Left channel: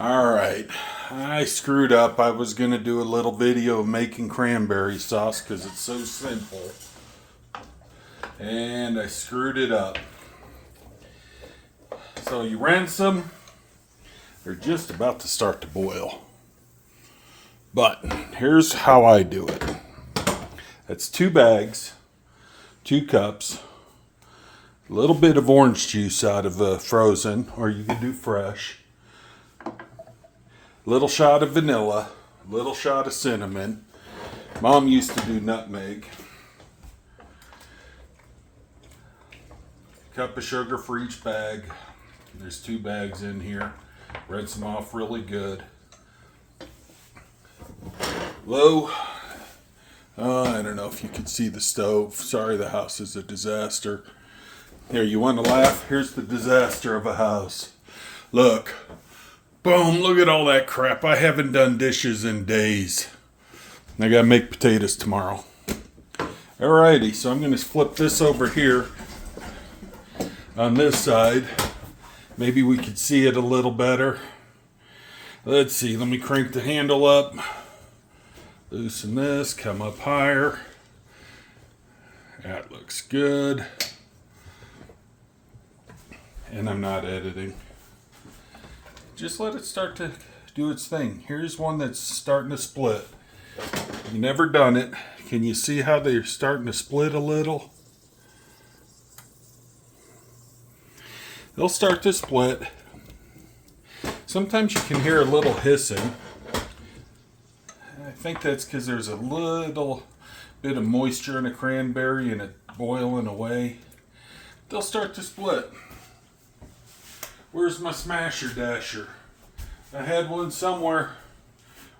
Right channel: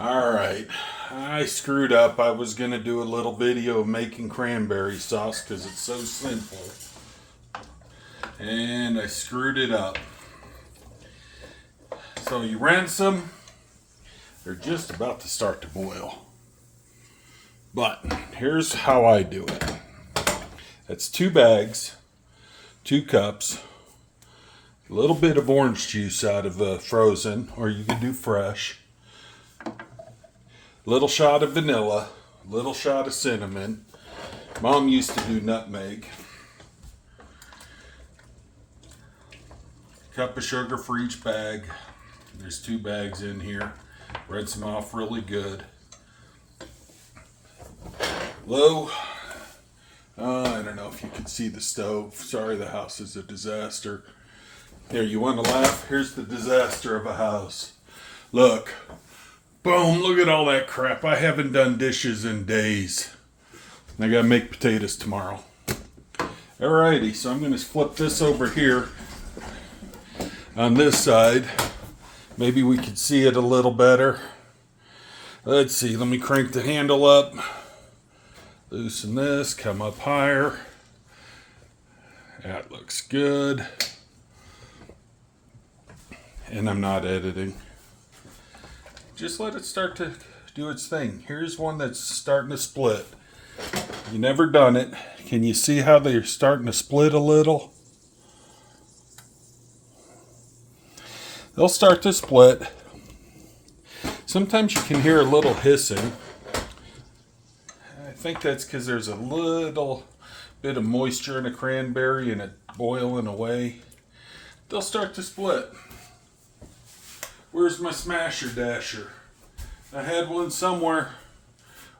Alright, I screwed up. I was going to do a little video of making cranberry sauce because it's so simple. And I screwed it up. So you rinse them. They're just about to start to boil. But here's how I do it. That's 2 bags, 2 cups, a little bit of orange juice out of the frozen, or you can do fresh. Little shot of vanilla, little shot of cinnamon. Mom used to do nutmeg. Cup of sugar for each bag. There's 2 bags in here. Rinse them off really good. Low. I don't know if you can see the stove. Sorry, the house is a disaster. Here, you want to laugh? Here's the disaster of a house. Look. Boom, look at all that crap. I haven't done dishes in days. I gotta make potatoes tomorrow. Alrighty, so I'm gonna flip this over here on this side. Maybe we could see it a little better. Let's see, let me crank the handle up. Loosen this, come up higher. That looks good. And I'm not editing. Just let it start to do its thing. Here's one that's starting to split. You never done it. Can you see how they're starting to split a little? They'll start to split. Sometimes you can hear a little hissing. I think that's because there's a little bit of moisture in a cranberry and it boiling away. They'll start to split. Where's my smasher dasher? I had one somewhere.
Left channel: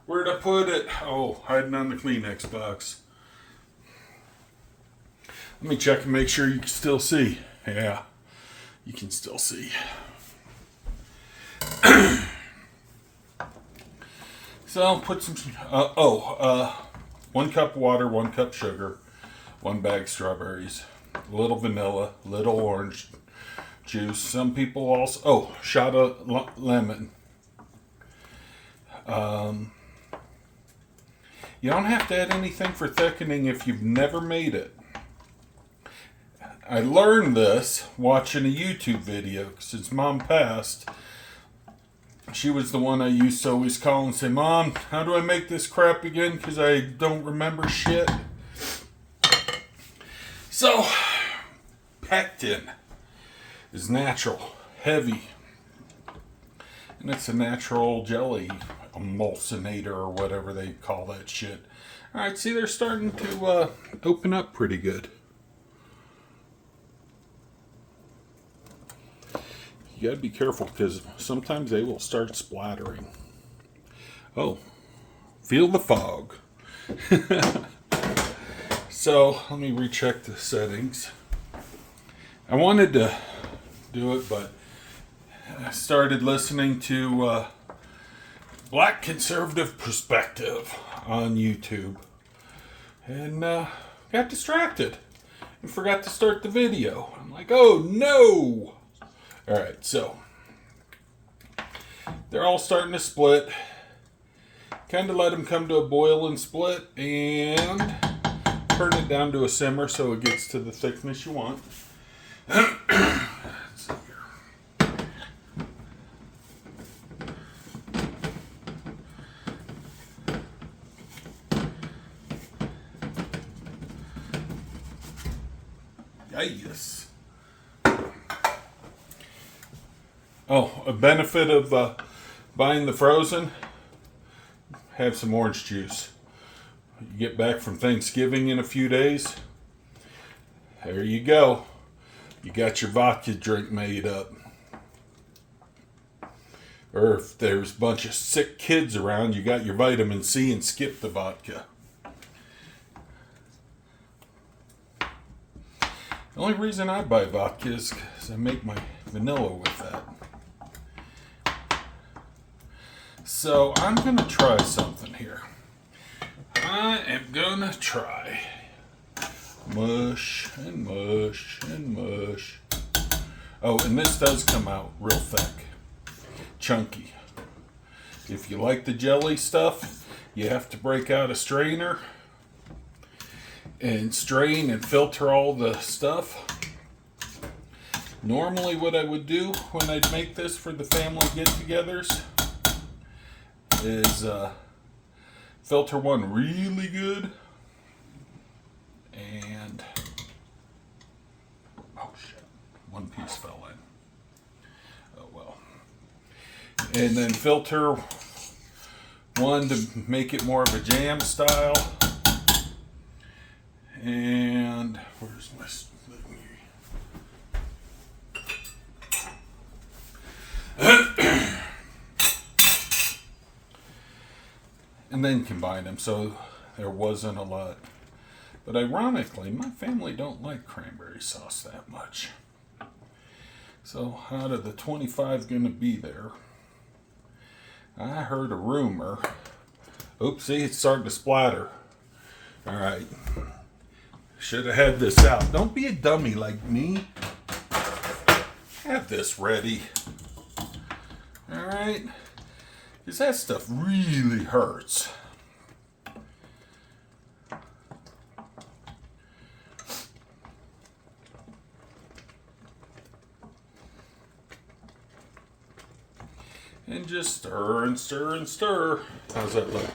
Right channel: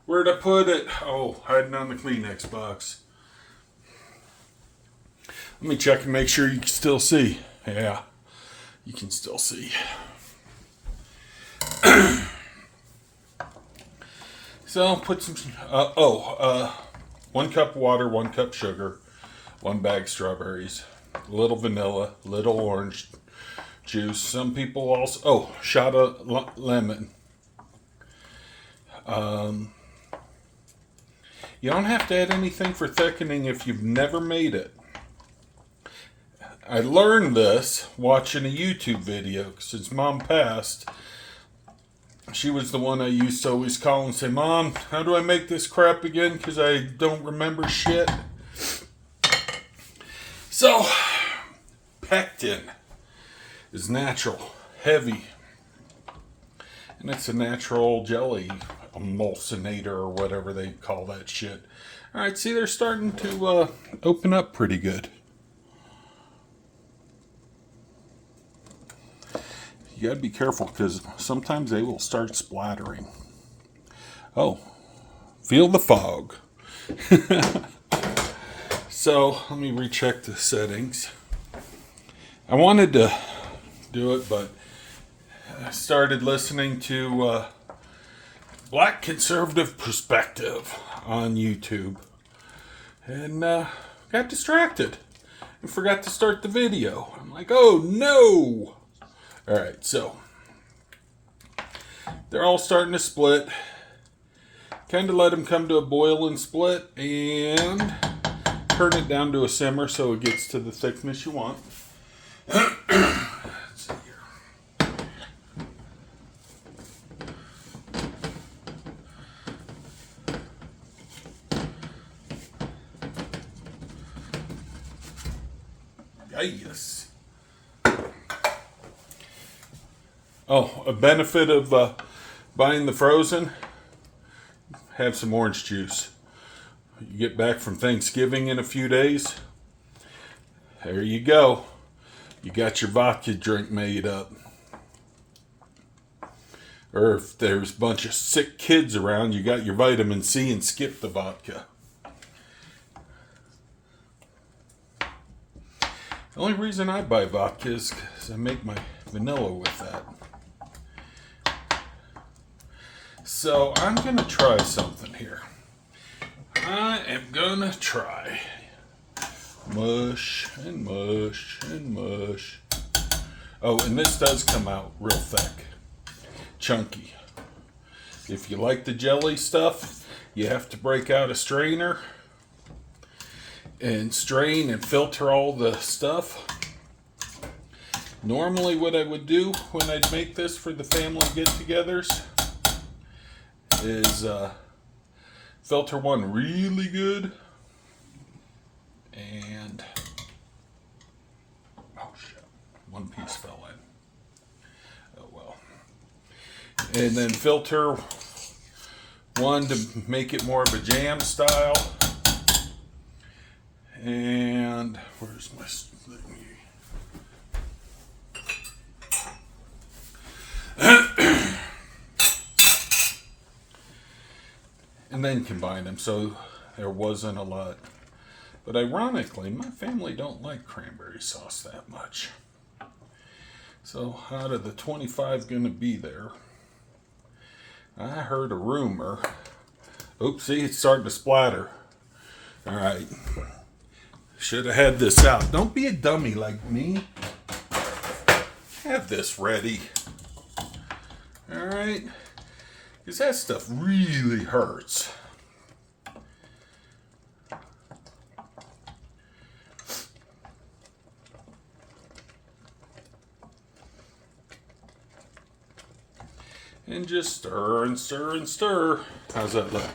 Where'd I put it? Oh, hiding on the Kleenex box. Let me check and make sure you can still see. Yeah, you can still see. So put some, 1 cup water, 1 cup sugar, 1 bag strawberries, a little vanilla, little orange juice. Some people also, shot of lemon. You don't have to add anything for thickening if you've never made it. I learned this watching a YouTube video. Since Mom passed, she was the one I used to always call and say, Mom, how do I make this crap again? Because I don't remember shit. So, pectin is natural, heavy, and it's a natural jelly emulsionator or whatever they call that shit. Alright, see, they're starting to open up pretty good. You gotta be careful because sometimes they will start splattering. Oh, feel the fog. So, let me recheck the settings. I wanted to do it, but I started listening to Black Conservative Perspective on YouTube and got distracted and forgot to start the video. I'm like, oh no! Alright, so they're all starting to split. Kind of let them come to a boil and split and turn it down to a simmer so it gets to the thickness you want. Let's see here. Yes. Oh, a benefit of buying the frozen, have some orange juice. You get back from Thanksgiving in a few days. There you go. You got your vodka drink made up. Or if there's a bunch of sick kids around, you got your vitamin C and skip the vodka. The only reason I buy vodka is because I make my vanilla with that. So I'm going to try something here. I am going to try mush and mush and mush. Oh, and this does come out real thick, chunky. If you like the jelly stuff, you have to break out a strainer and strain and filter all the stuff. Normally what I would do when I'd make this for the family get-togethers is filter one really good and oh shit, one piece fell in. Oh well. And then filter one to make it more of a jam style. And where's my thing? And then combine them, so there wasn't a lot. But ironically, my family don't like cranberry sauce that much. So out of the 25 going to be there, I heard a rumor. Oops, see, it's starting to splatter. All right. Should have had this out. Don't be a dummy like me. Have this ready. All right. Because that stuff really hurts. And just stir and stir and stir. How's that look?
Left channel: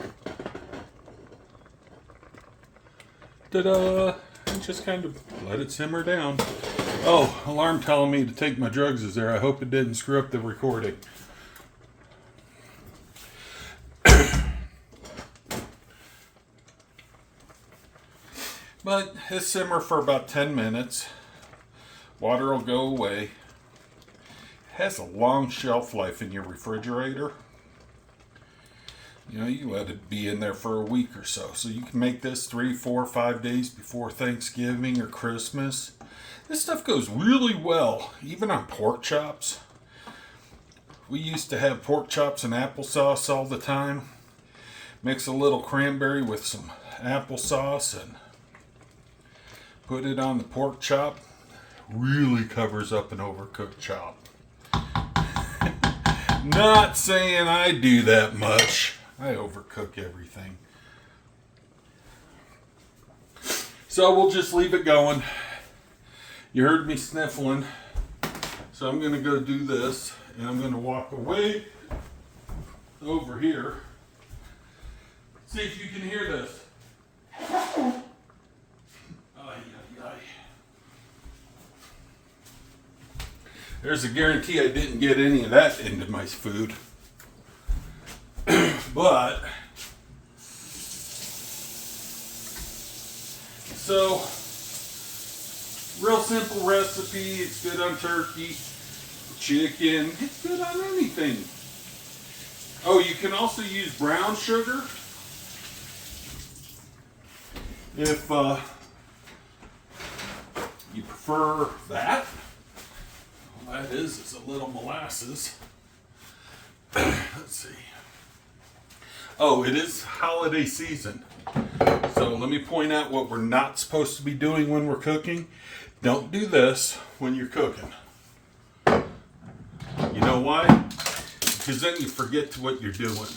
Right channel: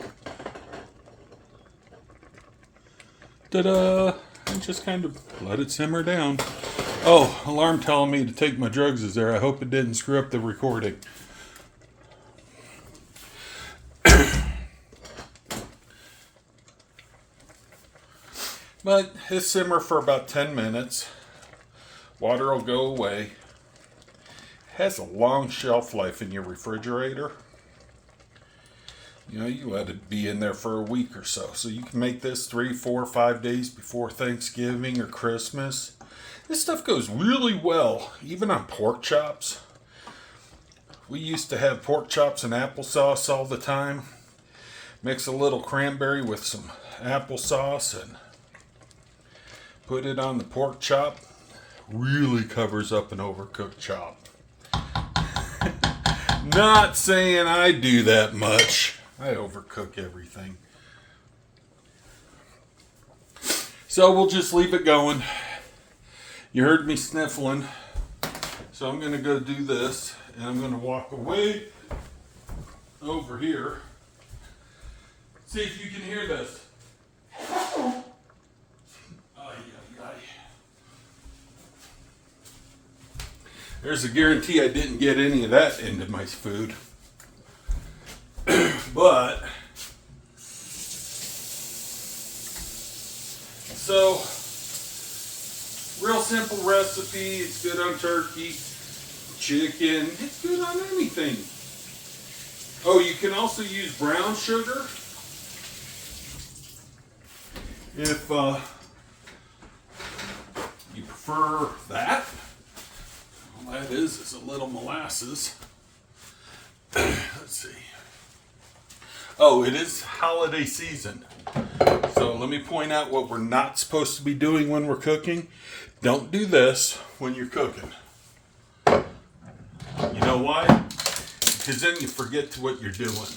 Ta-da! And just kind of let it simmer down. Oh, alarm telling me to take my drugs is there. I hope it didn't screw up the recording. But it simmer for about 10 minutes. Water will go away. It has a long shelf life in your refrigerator. You know, you let it be in there for a week or so. So you can make this 3, 4, 5 days before Thanksgiving or Christmas. This stuff goes really well, even on pork chops. We used to have pork chops and applesauce all the time. Mix a little cranberry with some applesauce and put it on the pork chop. Really covers up an overcooked chop. Not saying I do that much. I overcook everything. So we'll just leave it going. You heard me sniffling. So I'm going to go do this. And I'm going to walk away over here. See if you can hear this. There's a guarantee I didn't get any of that into my food. But, so, real simple recipe. It's good on turkey, chicken. It's good on anything. Oh, you can also use brown sugar if you prefer that. All that is a little molasses. Let's see. Oh, it is holiday season. So let me point out what we're not supposed to be doing when we're cooking. Don't do this when you're cooking. You know why? Because then you forget what you're doing.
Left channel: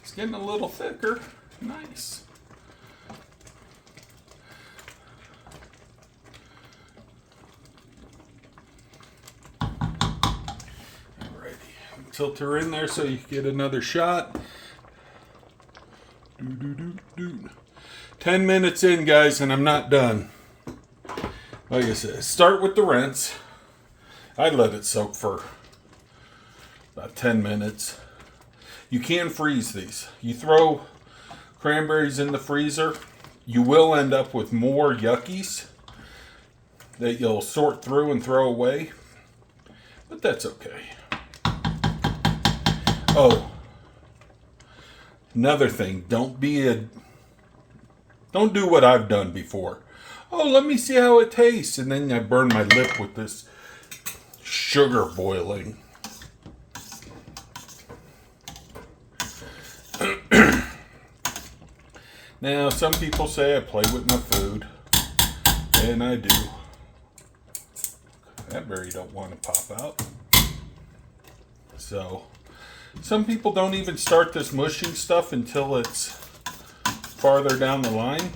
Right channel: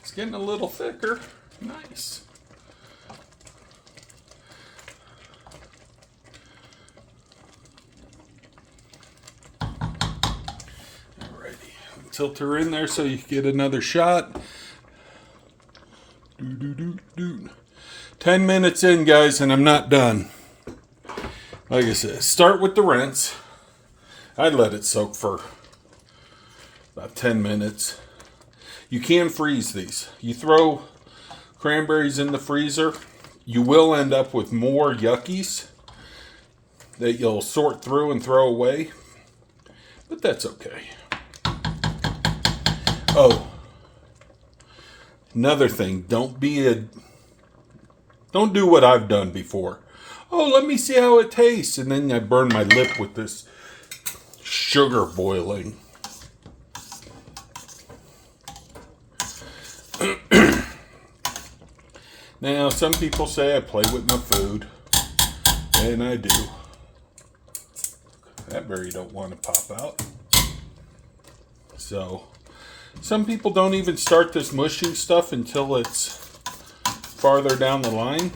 It's getting a little thicker. Nice. Alrighty. Tilt her in there so you get another shot. 10 minutes in, guys, and I'm not done. Like I said, start with the rinse. I let it soak for about 10 minutes. You can freeze these. You throw cranberries in the freezer, you will end up with more yuckies that you'll sort through and throw away, but that's okay. Oh, another thing, don't do what I've done before. Oh, let me see how it tastes, and then I burn my lip with this sugar boiling. Now, some people say I play with my food, and I do. That berry don't want to pop out. So, some people don't even start this mushing stuff until it's farther down the line.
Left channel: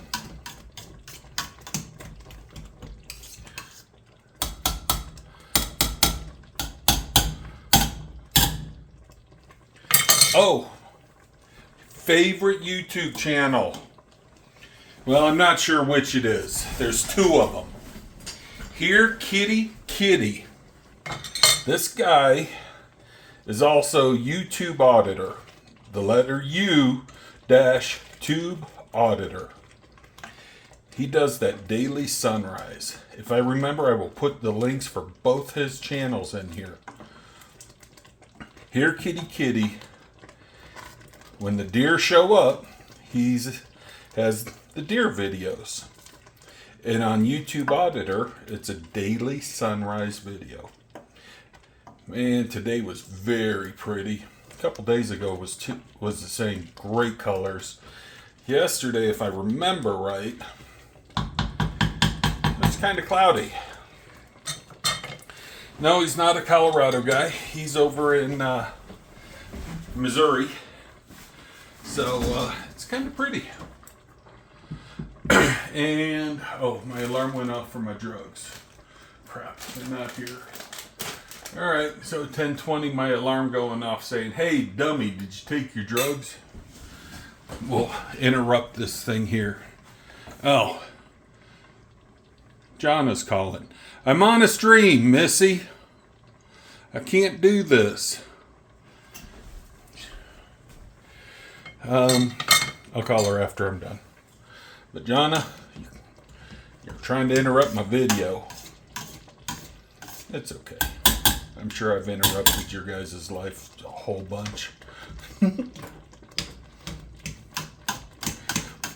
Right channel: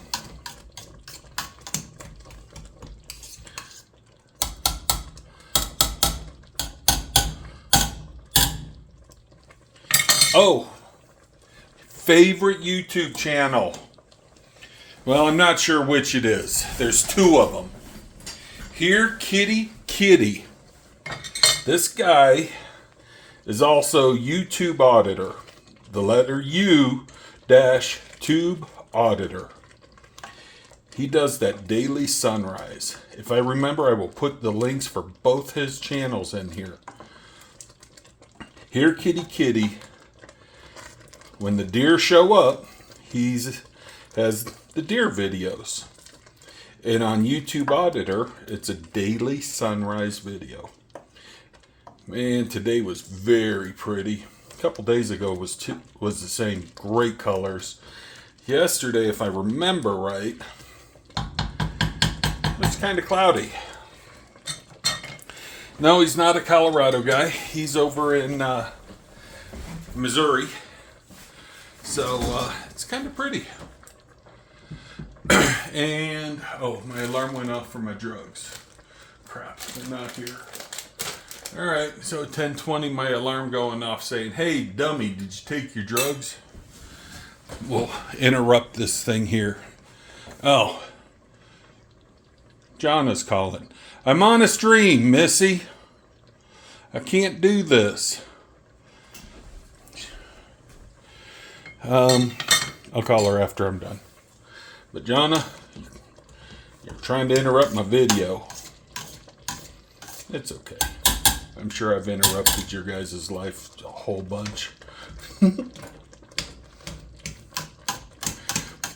Oh, favorite YouTube channel. Well, I'm not sure which it is. There's two of them. Here, Kitty. This guy is also YouTube auditor. The letter U dash tube auditor. He does that daily sunrise. If I remember, I will put the links for both his channels in here. Here, Kitty. When the deer show up, he has the deer videos. And on YouTube Auditor, it's a daily sunrise video. Man, today was very pretty. A couple days ago was the same. Great colors. Yesterday, if I remember right, it was kind of cloudy. No, he's not a Colorado guy. He's over in Missouri. So, it's kind of pretty. And, oh, my alarm went off for my drugs. Crap, they're not here. Alright, so 10:20, my alarm going off saying, hey, dummy, did you take your drugs? We'll interrupt this thing here. Oh, John is calling. I'm on a stream, Missy. I can't do this. I'll call her after I'm done. But Jonna, you're trying to interrupt my video. It's okay. I'm sure I've interrupted your guys' life a whole bunch.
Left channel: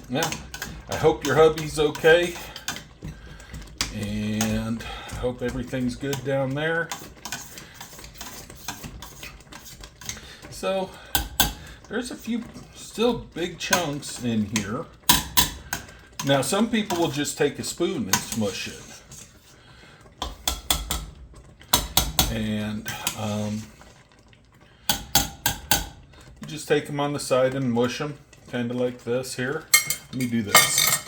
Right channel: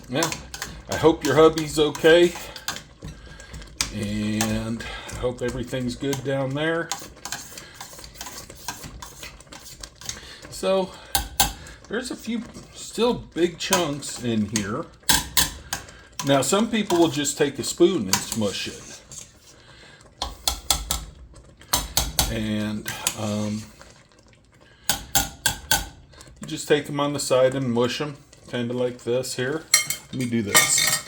Yeah, I hope your hubby's okay. And I hope everything's good down there. So, there's a few still big chunks in here. Now, some people will just take a spoon and smush it. And you just take them on the side and mush them, kind of like this here. Let me do this.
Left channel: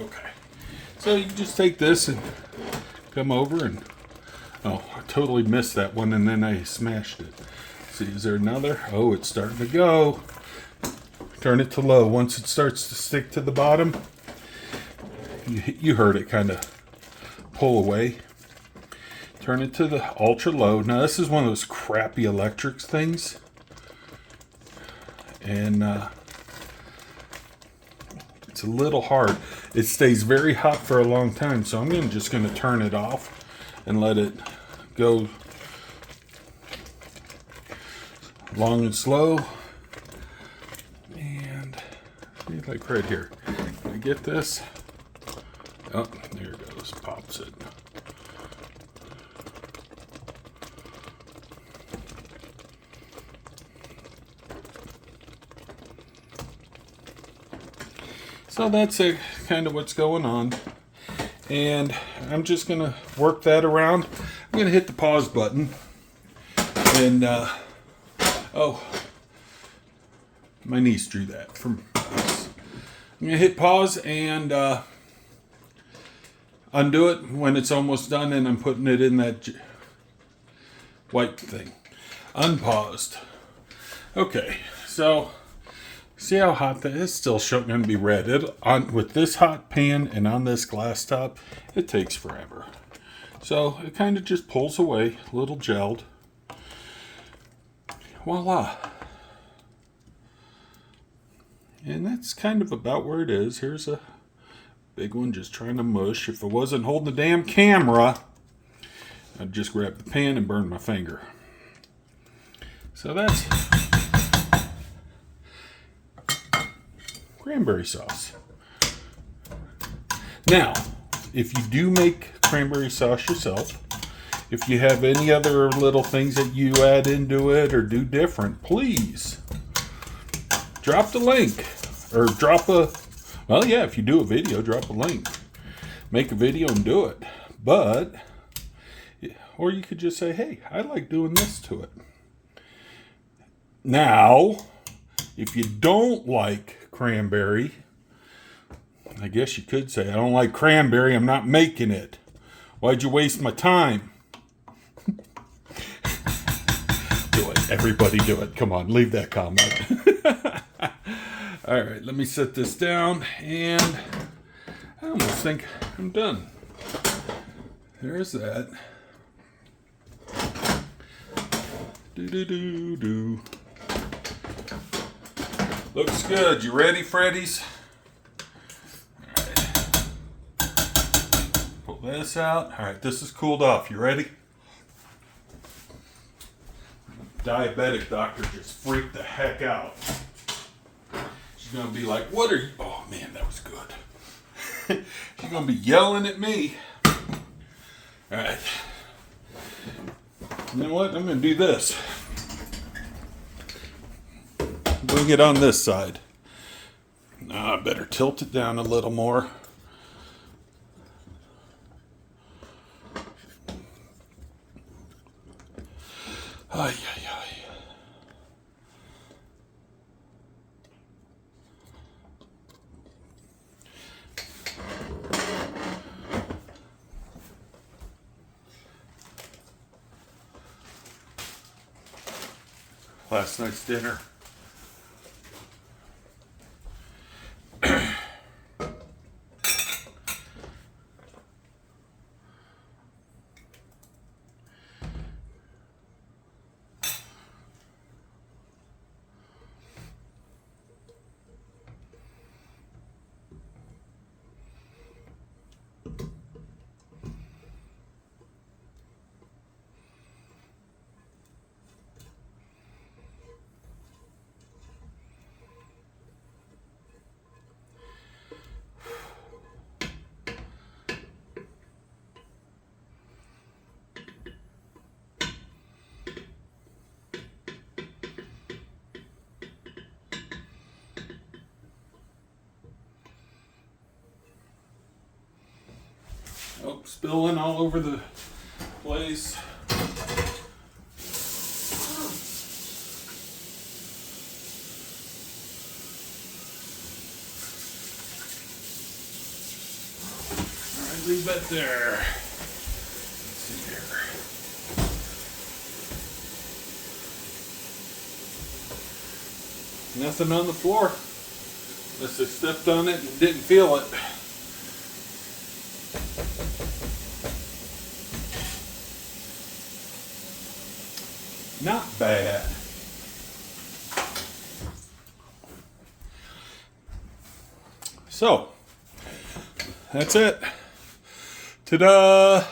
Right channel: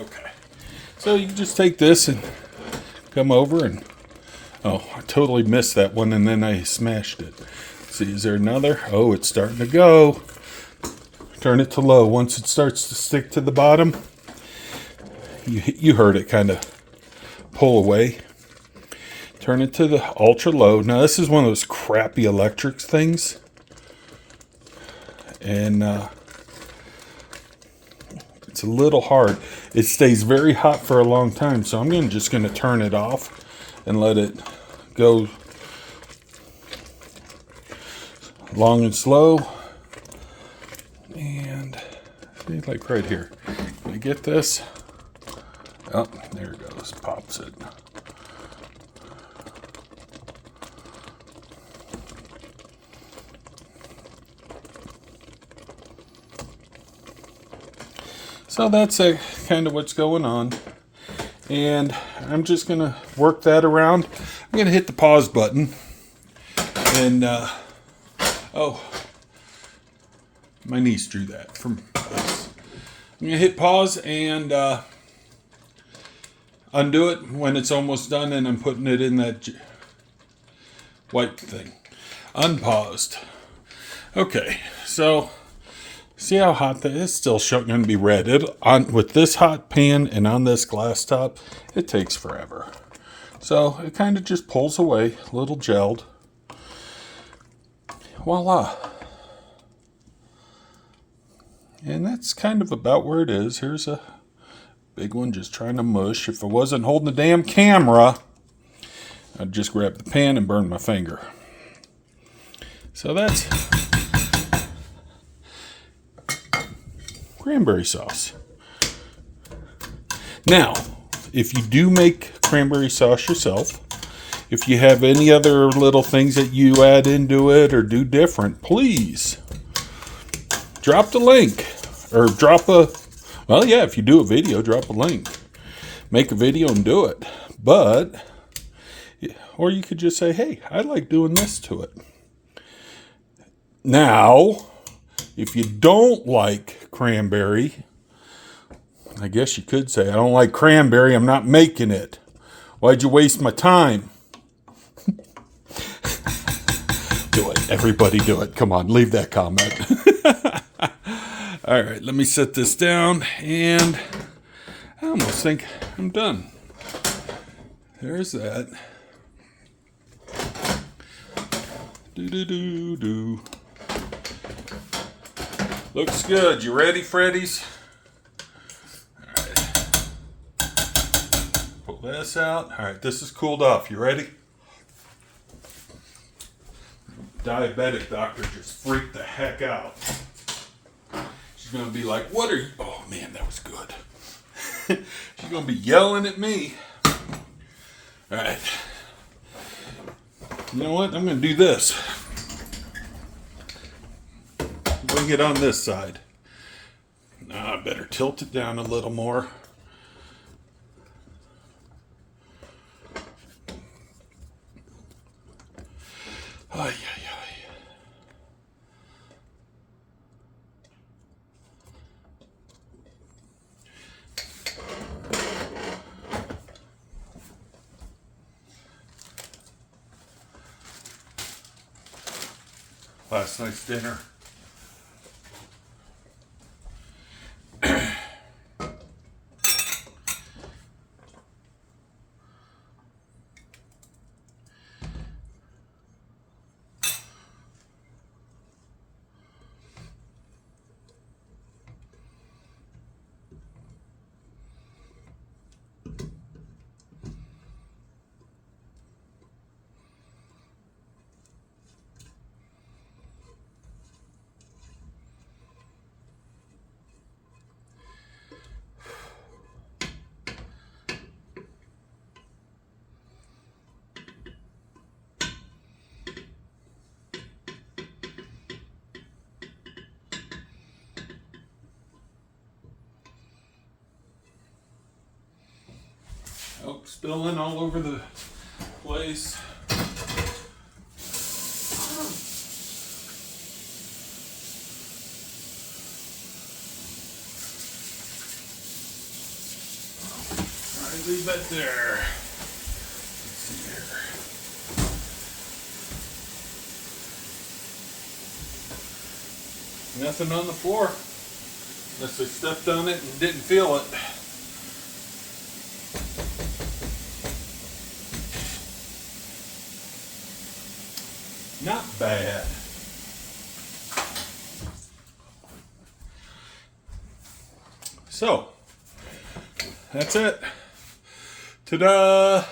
Okay. So you just take this and come over and, oh, I totally missed that one and then I smashed it. See, is there another? Oh, it's starting to go. Turn it to low. Once it starts to stick to the bottom, you heard it kind of pull away. Turn it to the ultra low. Now this is one of those crappy electric things. And it's a little hard. It stays very hot for a long time. So I'm just going to turn it off and let it go long and slow. And see, like right here. Can I get this? Oh, there it goes. Pops it. So that's kind of what's going on. And I'm just going to work that around. I'm going to hit the pause button. And, oh, my niece drew that from us. I'm going to hit pause and undo it when it's almost done. And I'm putting it in that white thing. Unpaused. Okay, so see how hot that is? Still going to be red. With this hot pan and on this glass top, it takes forever. So it kind of just pulls away, a little gelled. Voila. And that's kind of about where it is. Here's a big one just trying to mush. If I wasn't holding the damn camera, I'd just grab the pan and burn my finger. So that's cranberry sauce. Now, if you do make cranberry sauce yourself, if you have any other little things that you add into it or do different, please drop the link. Or drop a, well, yeah, if you do a video, drop a link. Make a video and do it. But, or you could just say, hey, I like doing this to it. Now, if you don't like cranberry, I guess you could say, I don't like cranberry, I'm not making it. Why'd you waste my time? Do it. Everybody do it. Come on, leave that comment. All right, let me set this down, and I almost think I'm done. There's that. Do. Looks good. You ready, Freddies? All right. Pull this out. All right, this is cooled off. You ready? Diabetic doctor just freaked the heck out. She's going to be like, what are you... Oh, man, that was good. She's going to be yelling at me. All right. You know what? I'm going to do this. Bring it on this side. Now I better tilt it down a little more. Ay, ay, ay. Last night's dinner. Oh, spilling all over the place. All right, leave that there. Let's see here. Nothing on the floor. Unless I stepped on it and didn't feel it. Not bad. So, that's it. Ta-da!